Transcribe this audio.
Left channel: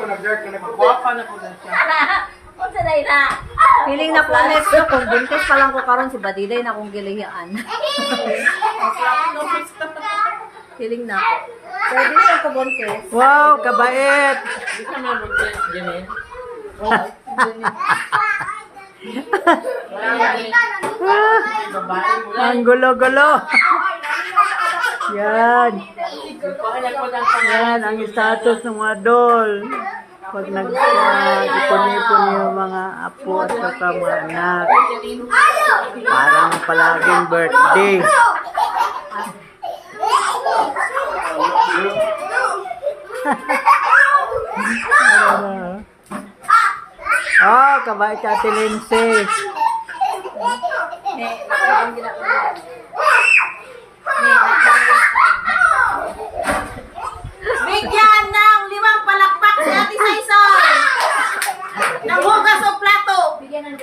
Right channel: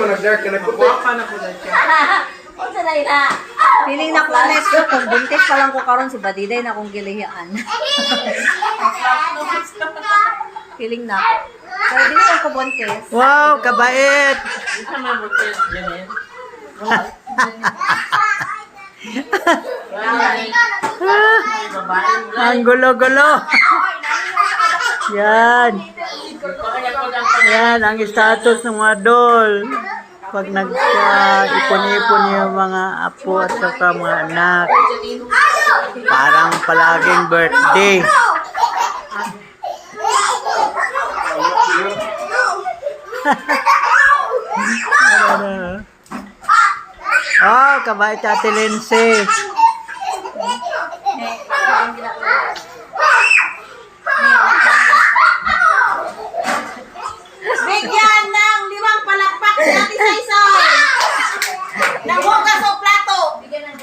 Nag-dark ka na po. Guwapa na po dyan siya. Kung sa na. Feeling na ko next kung buntis pa lang ko karon si Badiday na kong gilihiyaan. Feeling na ko. Pero di lang ko buntis. Wow, kabait. Hindi ka mabuti. Yan eh. Ang gulo-gulo. Yan. Yan ang status ng mga doll. Pag nag-ipon-ipon yung mga apo at saka mga anak. Parang palaging birthday. Oh, kabait Ate Lindsay. Bigyan ng 5 palakpak si Ate Saison. Nang hugas o plato. Bigyan ng